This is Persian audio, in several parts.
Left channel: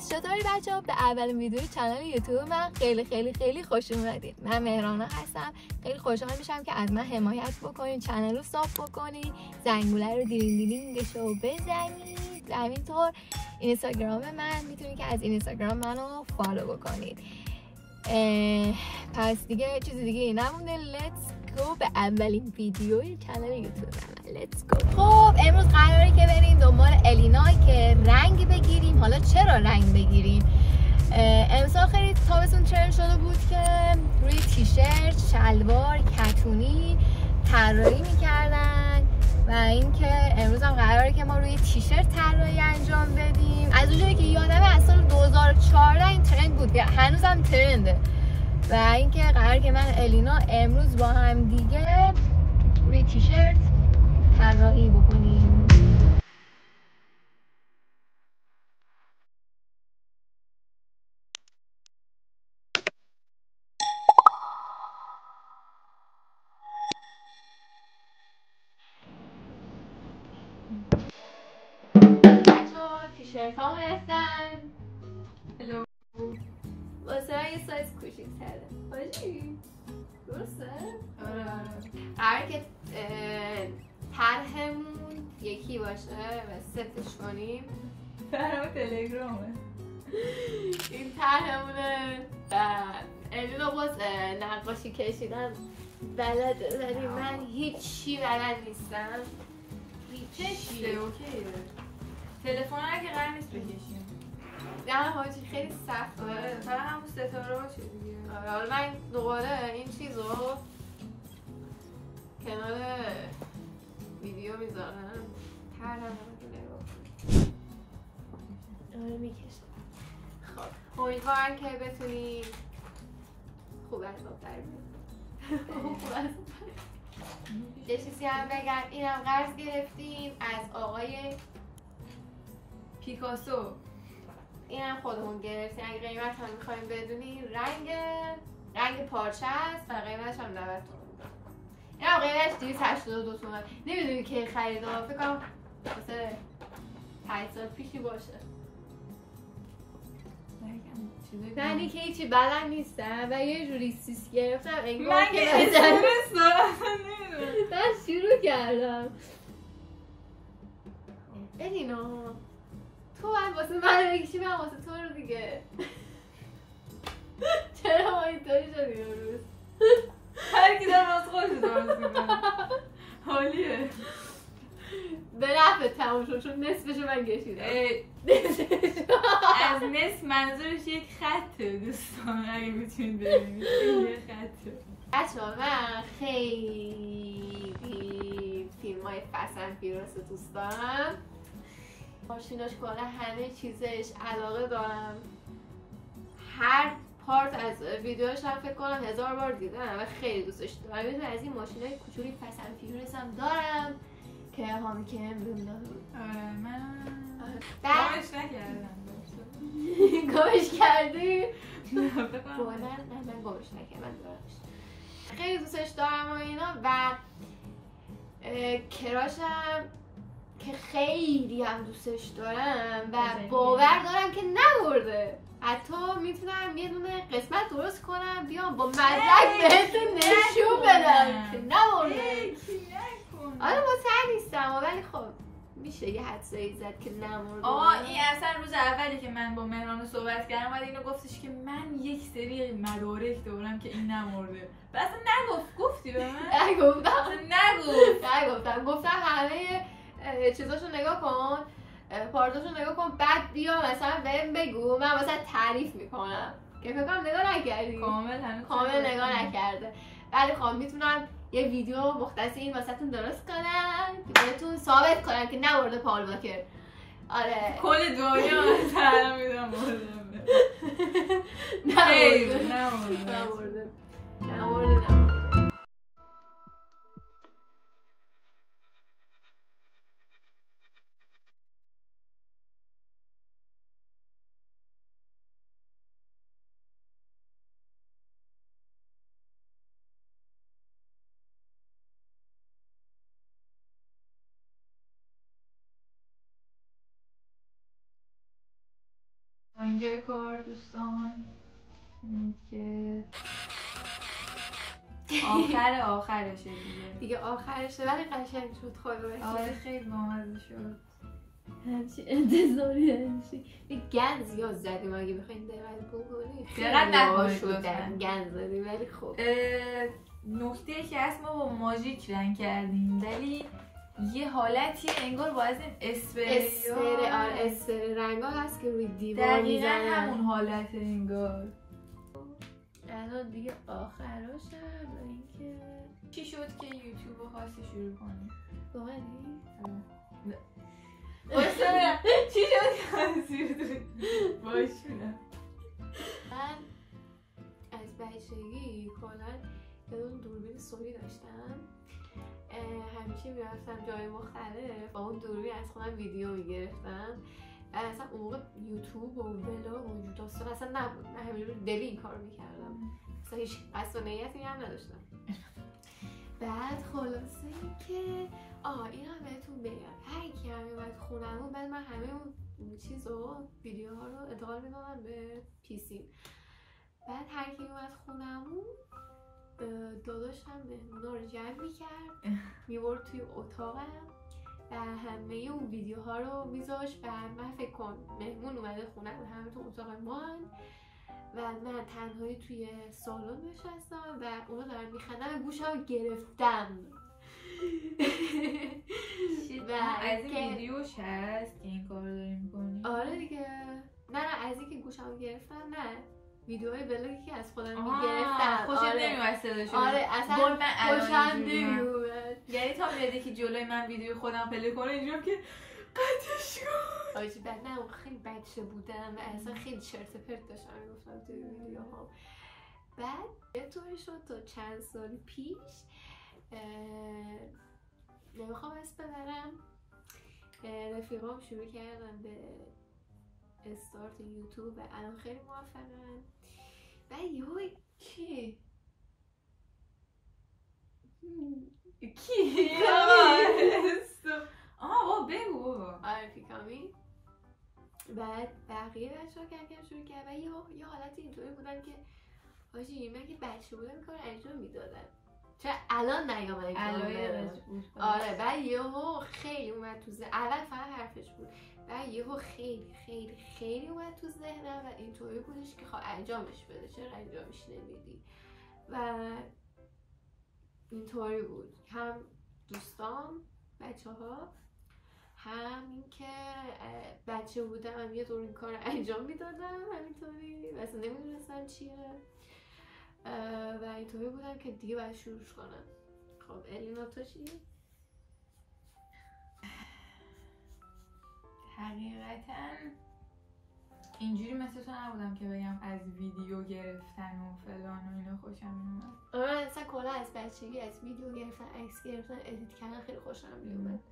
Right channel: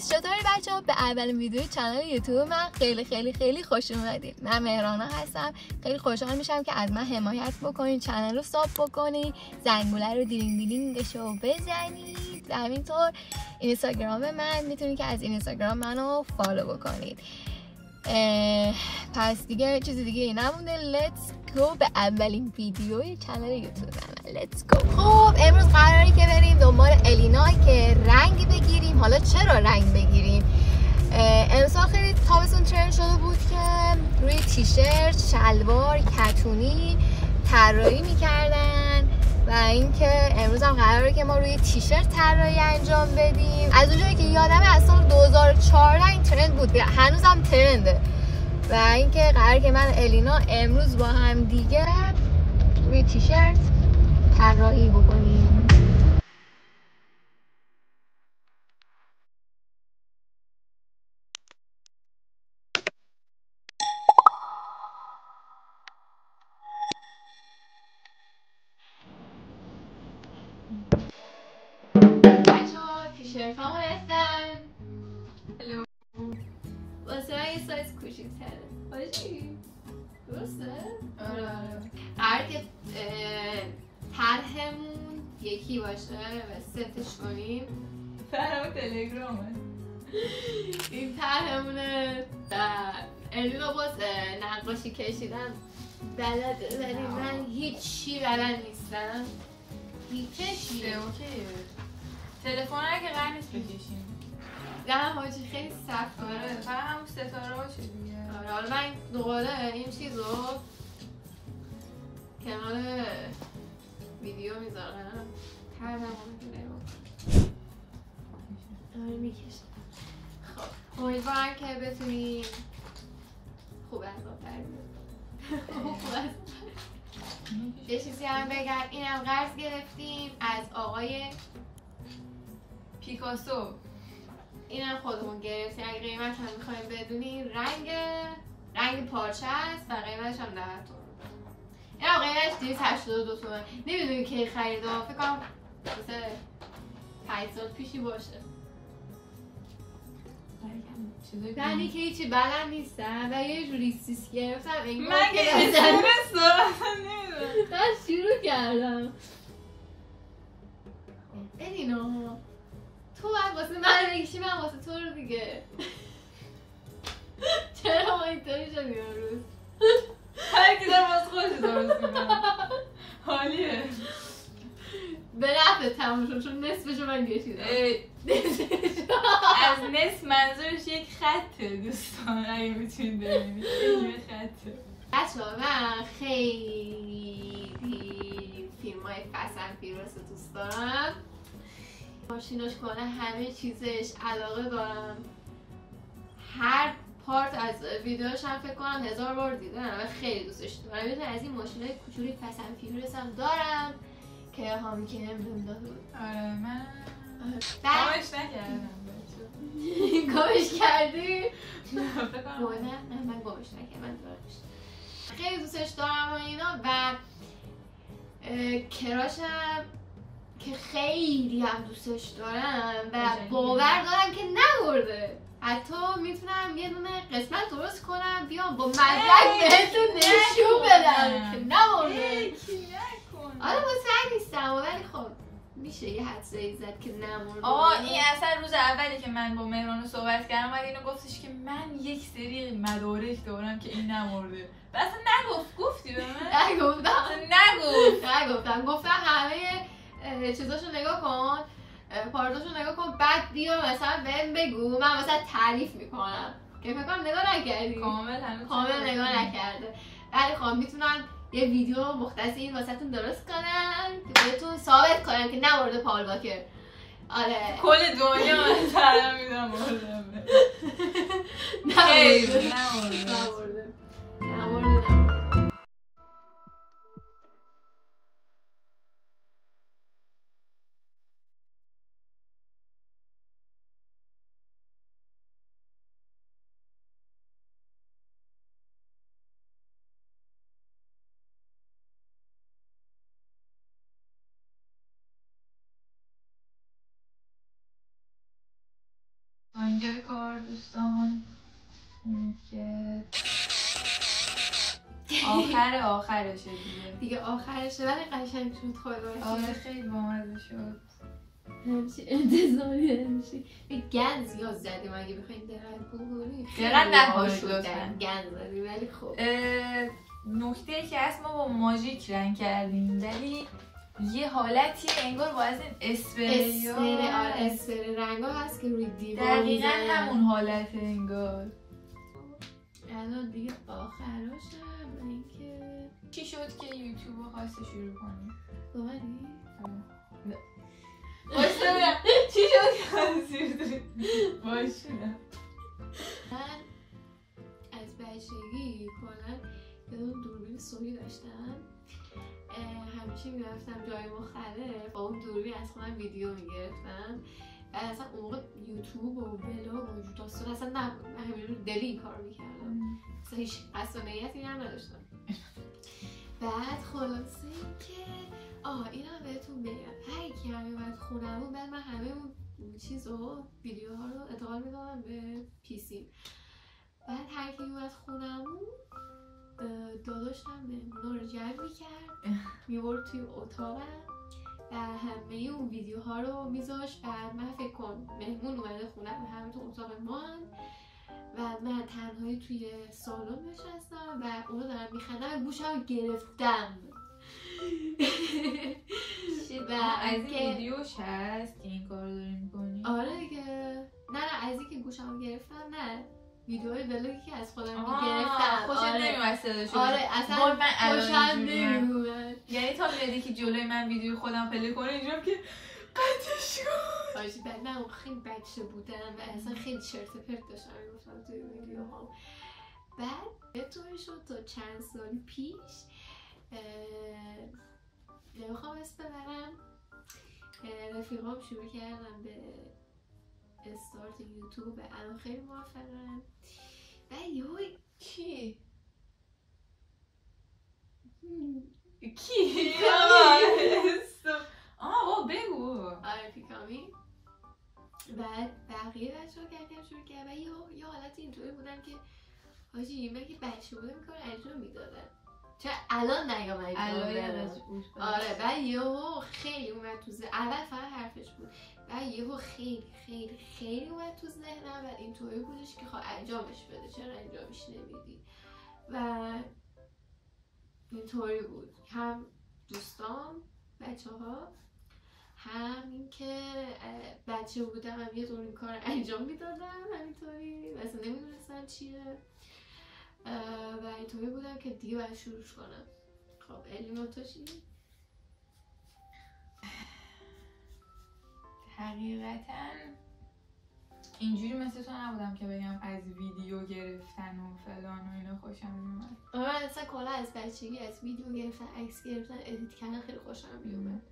گایز، چطوری بچه‌ها؟ به اولین ویدیوی کانال یوتیوب من خیلی خیلی خیلی خوش اومدید. من مهرانا هستم. خیلی خوشحال میشم که از من حمایت بکنید، کانال رو ساب بکنید، زنگوله رو دیلینگش رو بزنید و همینطور اینستاگرام من میتونید که از اینستاگرام منو فالو بکنید. پس دیگه چیزی دیگه ای نمونده. لیتس گو به اولین ویدیوی کانال یوتیوب من. لیتس گو. خب امروز قراره که بریم دنبال الینا که رنگ بگیریم. حالا چرا رنگ بگیریم؟ امسال خیلی تابستون ترند شده بود که روی تیشرت، شلوار، کتونی طراحی میکردن و اینکه امروز هم قراره که ما روی تیشرت طراحی انجام بدیم. از اونجایی که یادمه از سال 2014 این ترند بود، هنوزم ترنده و اینکه قراره که من و الینا امروز با هم دیگه روی تیشرت طراحی بکنیم. تیشرت ها هستن واسه یه سایز کوچیک‌تره. باشی؟ درسته؟ آره. قراره که طرحمون یکی باشه و ستش کنیم. طرح تلگرامه. این طرحمونه و الینا باز نقاشی کشیدن بلده ولی من هیچی بلد نیستم. هیچی اوکیه. تلفن که قرار نیست بکشیم. نه حاجی خیلی سخته. فقط هم ستاره باشه دیگه. آره حالا من دوباره این چیزو کنار ویدیو میذارم. طرحمون رو میکشم. خب امیدوارم که بتونی خوب از آب در بیاری. یه چیزی هم بگم، اینم قرض گرفتیم از آقای پیکاسو. اینم خودمون گرفتیم. اگه قیمت هم میخوایم بدونی رنگ پارچه است و قیمتش هم 90 تومن. اینم قیمتش 282 تومن. نمیدونی که خریدم، فکر کنم مثل 5 سال پیشی باشه. یعنی که هیچی بلد نیستم و یه جوری سیس گرفتم انگار من که اسمس دارم من شروع کردم. الینا تو باید واسه من بکشی، من واسه تو رو دیگه. چرا ما اینطوری شدیم امروز؟ هر کی داره واسه خودش درست میکنه. حالیه. به نفع تموم شد چون نصفشو من کشیدم. از نصف منظورش یک خطه دوستان، اگه بتونید ببینید یک خطه. بچه‌ها من خیلی فیلم های فسن فیروس دوست دارم. ماشیناش کنه همه چیزش علاقه دارم. هر پارت از ویدیوش هم فکر کنم 1000 بار دیدم و خیلی دوستش دارم. یه از این ماشینای کوچولی فسن فیروس هم دارم که هامی که امروز داده بود. آره من گمش نکردم. گمش کردی؟ فکر کنم نه من گمش نکردم، من دارمش. خیلی دوستش دارم و اینا و کراشم که خیلی هم دوستش دارم و باور دارم که نبرده. حتی میتونم یه دونه قسمت درست کنم بیام با مدرک بهتون نشون بدم که نبرده. آره مطمئن نیستم ولی خب میشه یه حدسایی زد که نمورده. این اصلا روز اولی که من با مهرانو صحبت کردم اومد اینو گفتش که من یک سری مدارک دارم که این نمورده. و اصلا گفتی به من؟ نگفتم گفتم همه چیزاشو نگاه کن، پارتاشو نگاه کن، بعد بیا مثلا بهم بگو، من مثلا تعریف میکنم که فکر کنم نگاه نکردی. کامل نگاه نکرده. ولی خب میتونم یه ویدیو مختص این واسهتون درست کنم که بهتون ثابت کنم که نبرده پال واکر. آره کل دنیا من سلام میدم بردم. نبرده. اینجا کار دوستان که آخرشه دیگه آخرشه ولی قشنگ شد خدا. آره خیلی بامزه شد. همچین انتظاری همیشه به گند زیاد زدیم اگه بخوایم دقیق بگوییم دقیق نکنید گند زدیم ولی خب نکته که هست ما با ماژیک رنگ کردیم ولی یه حالتی انگار با از این اسپری رنگا هست که روی دیوار میزنن دقیقا همون حالت انگار. الان دیگه آخراشه اینکه چی شد که یوتیوب خواستی شروع کنی؟ واقعی؟ باشته برم چی شد که خواستی باشونم من از بچگی کلا یه دوربین سونی داشتم همیشه میرفتم جای مختلف با اون دوربین از خودم ویدیو میگرفتم و اصلا اون موقع یوتیوب و ولاگ و داستان اصلا نبود. من همین رو دلی این کار میکردم اصلا هیچ قصد و نیتی هم نداشتم. بعد خلاصه این که این هم بهتون بگم هر کی هم میومد خونمون بعد من همه اون چیز رو ویدیوها رو انتقال میدادم به پیسی. بعد هر کی میومد خونمون داداشم مهمونا رو جمع میکرد میبرد توی اتاقم و همه اون ویدیوها رو میذاشت و من فکر کن مهمون اومده خونم و همه تو اتاق ما و من تنهایی توی سالن نشستم و اونا دارن میخندن و گوشم رو گرفتم. و از این ویدیوش هست که این کار رو داری میکنی؟ آره دیگه. نه از این که گوشم رو گرفتم نه ویدیوهای ولاگی که از خودم میگرفتم. خوشت نمیومد صداشو؟ آره اصلا خوشم نمیومد. یعنی تا میاد که جلوی من ویدیو خودم پلی کنه اینجوری که قطعش کن. آجی بعد نه خیلی بچه بودم و اصلا خیلی چرت پرت داشتم میگفتم توی ویدیوهام. بعد یه طوری شد تا چند سال پیش نمیخوام اسم ببرم رفیقام شروع کردم به استارت یوتیوب و الان خیلی موفقن و یهوی کی؟ آه بگو. آره پیکامی. بعد بقیه بچه ها کردم شروع کرد و یه حالتی اینطوری بودن که آجی من که بچه بودم این کار انجام میدادم چرا الان نیامد آره بعد یهو خیلی اومد تو ذهن. اول فقط حرفش بود بعد یهو خیلی خیلی خیلی اومد تو ذهنم و اینطوری بودش که خب انجامش بده چرا انجامش نمیدی و اینطوری بود هم دوستان بچه ها هم این که بچه بودم یه طور این کار انجام میدادم همینطوری و اصلا نمیدونستم چیه و اینطوری بودم که دیگه باید شروع کنم. خب الینا تو چی؟ حقیقتا اینجوری مثل تو نبودم که بگم از ویدیو گرفتن و فلان و اینا خوشم میومد. من اصلا کلا از بچگی از ویدیو گرفتن عکس گرفتن ادیت کردن خیلی خوشم میومد.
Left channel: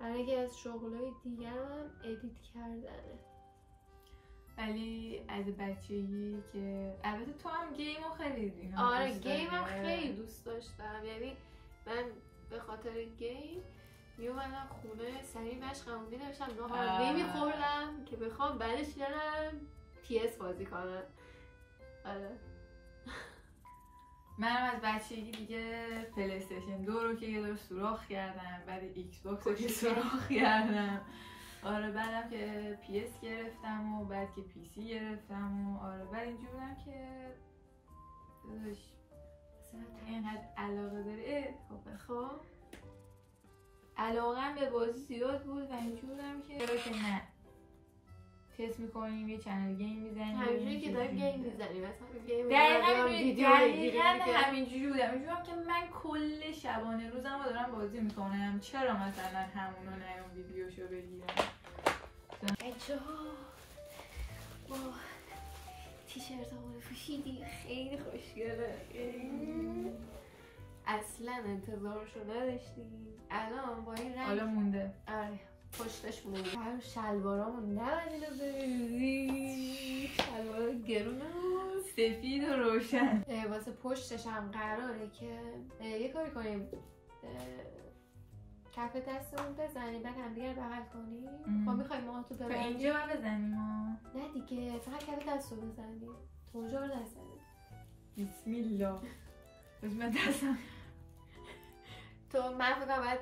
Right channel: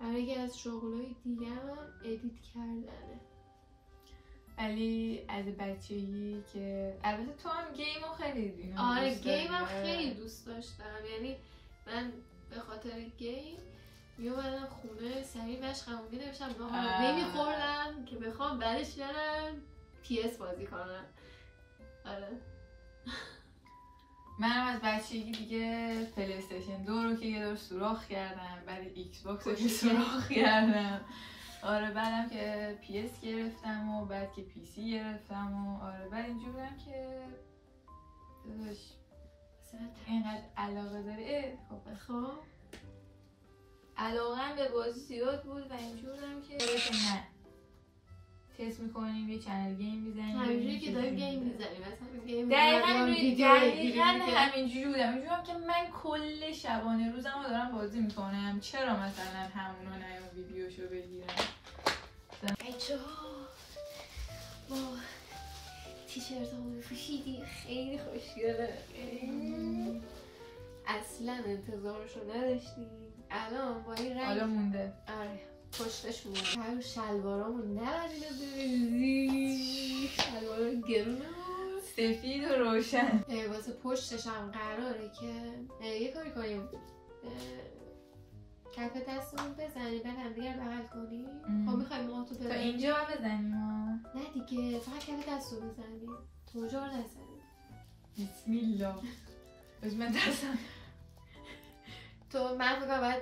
برای یکی از شغلای دیگه هم ادیت کردنه. ولی از بچگی که البته تو هم گیم رو خیلی اینا آره گیم هم خیلی دوست داشتم. یعنی من به خاطر گیم میومدم خونه سریع مشقمون می‌نوشتم باهم نمیخوردم که بخوام بعدش برم PS بازی کنم. آره منم از بچگی دیگه پلی استیشن 2 رو که یه دور سوراخ کردم بعد ایکس باکس رو که سوراخ کردم. آره بعدم که PS گرفتم و بعد که PC گرفتم و آره بعد اینجور بودم که داداش اینقدر علاقه داری خب علاقه‌ام به بازی زیاد بود و اینجور بودم که نه تست میکنیم یه چنل گیم میزنیم همینجوری که داریم گیم میزنیم دقیقا همینجوری بودم اینجورم که من کل شبانه روزم رو دارم بازی میکنم چرا مثلا همونو نه اون ویدیوشو بگیرم. بچه ها ما تیشرت ها رو پوشیدیم خیلی خوشگله اصلا انتظارشو نداشتیم. الان با این رنگ حالا مونده آره پشتش مونده. هر شلوارامون نباید اینو بریزی شلوارا گرونه بود سفید و روشن واسه پشتش هم قراره که یه کاری کنیم کف دستمون بزنیم بعد هم دیگر بغل کنیم. خب میخوایم ما تو تا اینجا بزنیم نه دیگه دیگه، فقط کمی دستو بزنی، توجه رو نزنی. بسم الله. بس من دستم. تو من فکر کنم باید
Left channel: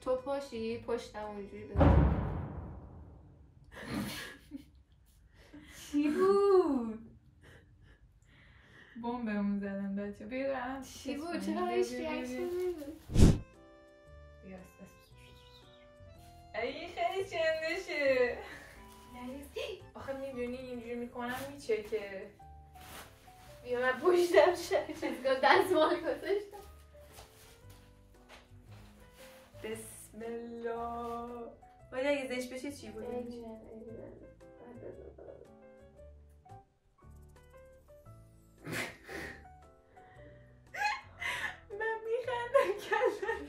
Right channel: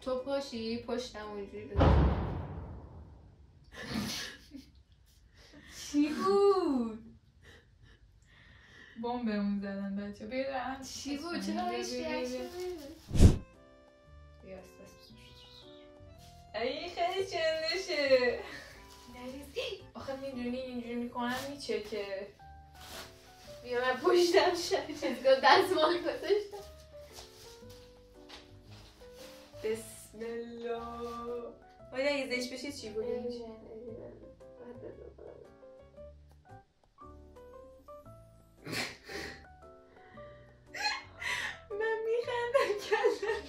تو پاشی پشتم اونجوری بزنی. چی بود؟ بمب بهمون زدن بچه. بیرم چی بود؟ چرا هیچ ریاکشن نمیدی؟ ای خیلی چندشه. آخه میدونی اینجوری میکنم میچکه. بیا من پشتم چیزگاه دستمال گذاشتم. بسم الله. باید اگه زشت بشه چی بود؟ من میخندم کلم.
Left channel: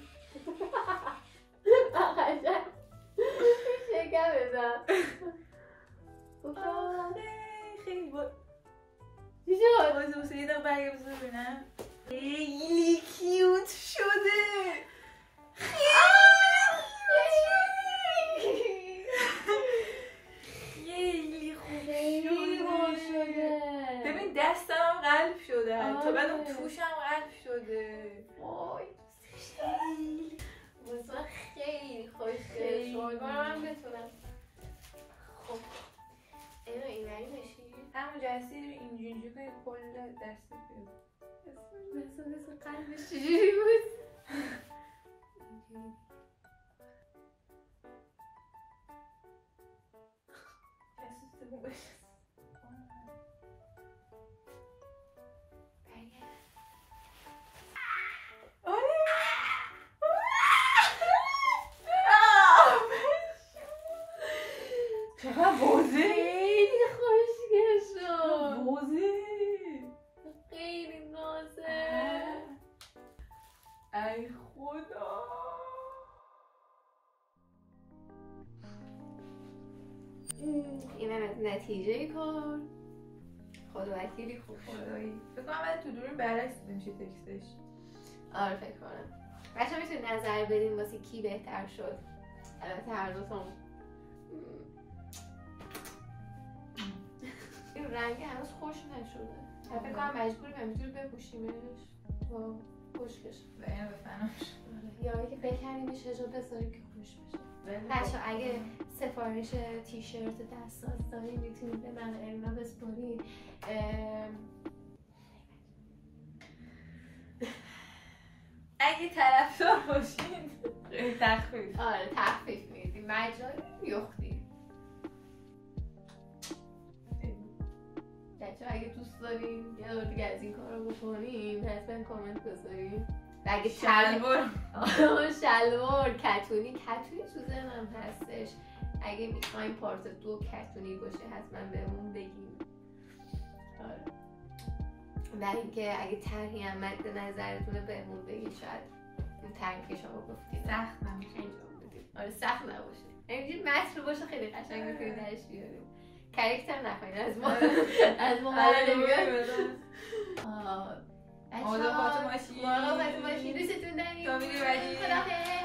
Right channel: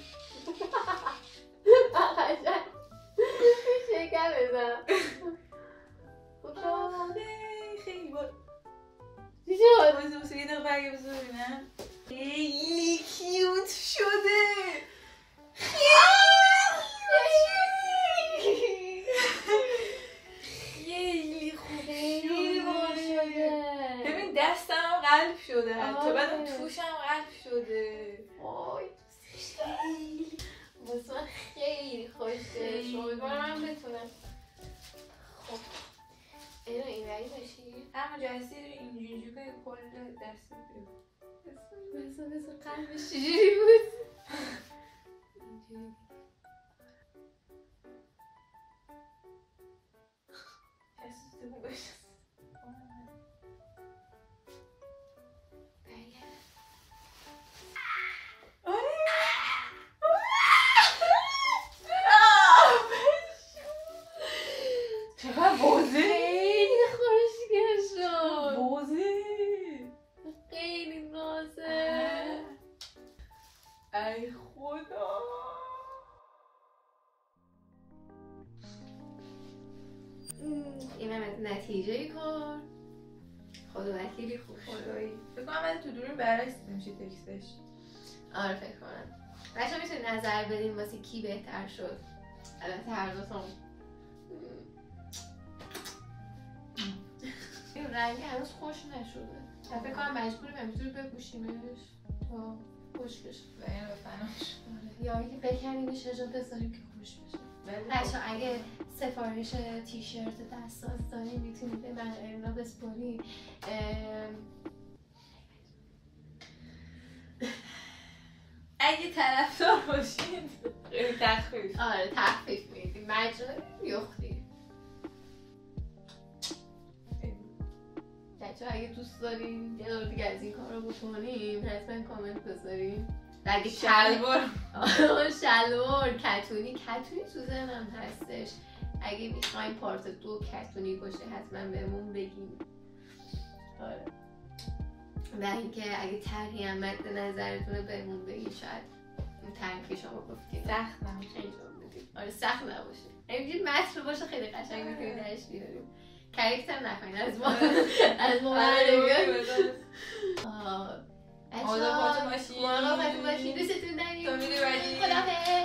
قشنگ شکم بزن. آخه خیلی چی شد؟ بازه یه دقیقه برگه بزن ببینم. خیلی کیوت شده. خیلی خوب شده. ببین دستم قلب شده حتی بعد اون توشم قلب شده. وای دوستش دارم. واسه من خیلی خوشگل شد. من بتونم. خب اینو اینوری باشی. همون جلسه اینجوری کنی کل دست بیاد. مثل قلبش چجوری بود؟ اینجوری. دستت خوب بشه. چقدر بوزه؟ خیلی خوشگل شد. بوزه خیلی نازه. ای خدا. اینم از نتیجه کار. خدا وکیلی خوب خدایی فکر کنم من تو دوریم برعکس میشه تکستش. آره فکر کنم. بچه ها میتونید نظر بدین واسه کی بهتر شد. البته هر دوتون این رنگ هنوز خوش نشده. فکر کنم مجبوریم همینجور بپوشیمش تا خوش بشه. و اینو بفنمش. یا اگه بکنیمش اجا بذاریم که خوش بشه. بچه اگه سفارش تیشرت دستاز داریم میتونید به من اینا بسپارید. اگه طرفدار باشید تخفیف. آره تخفیف میدیم مجانی یختی. بچه اگه دوست دارین یه دور دیگه از این کار رو بکنیم حتما کامنت بذارین. اگه شلوار کتونی تو ذهنم هستش. اگه میخواین پارت 2 کتونی باشه حتما بهمون بگین. آره. و اینکه اگه طرحی هم مد نظرتونه بهمون بگین. شاید اون طرحی که شما گفتید سخت نمیشه انجام بدیم. آره سخت نباشه. اینجوری متن باشه خیلی قشنگ میتونید درش بیاریم. کاراکتر نخواین از ما برداریم. مراقبتون باشید. دوستتون داریم. تا ویدیو بعدی. خداحافظ.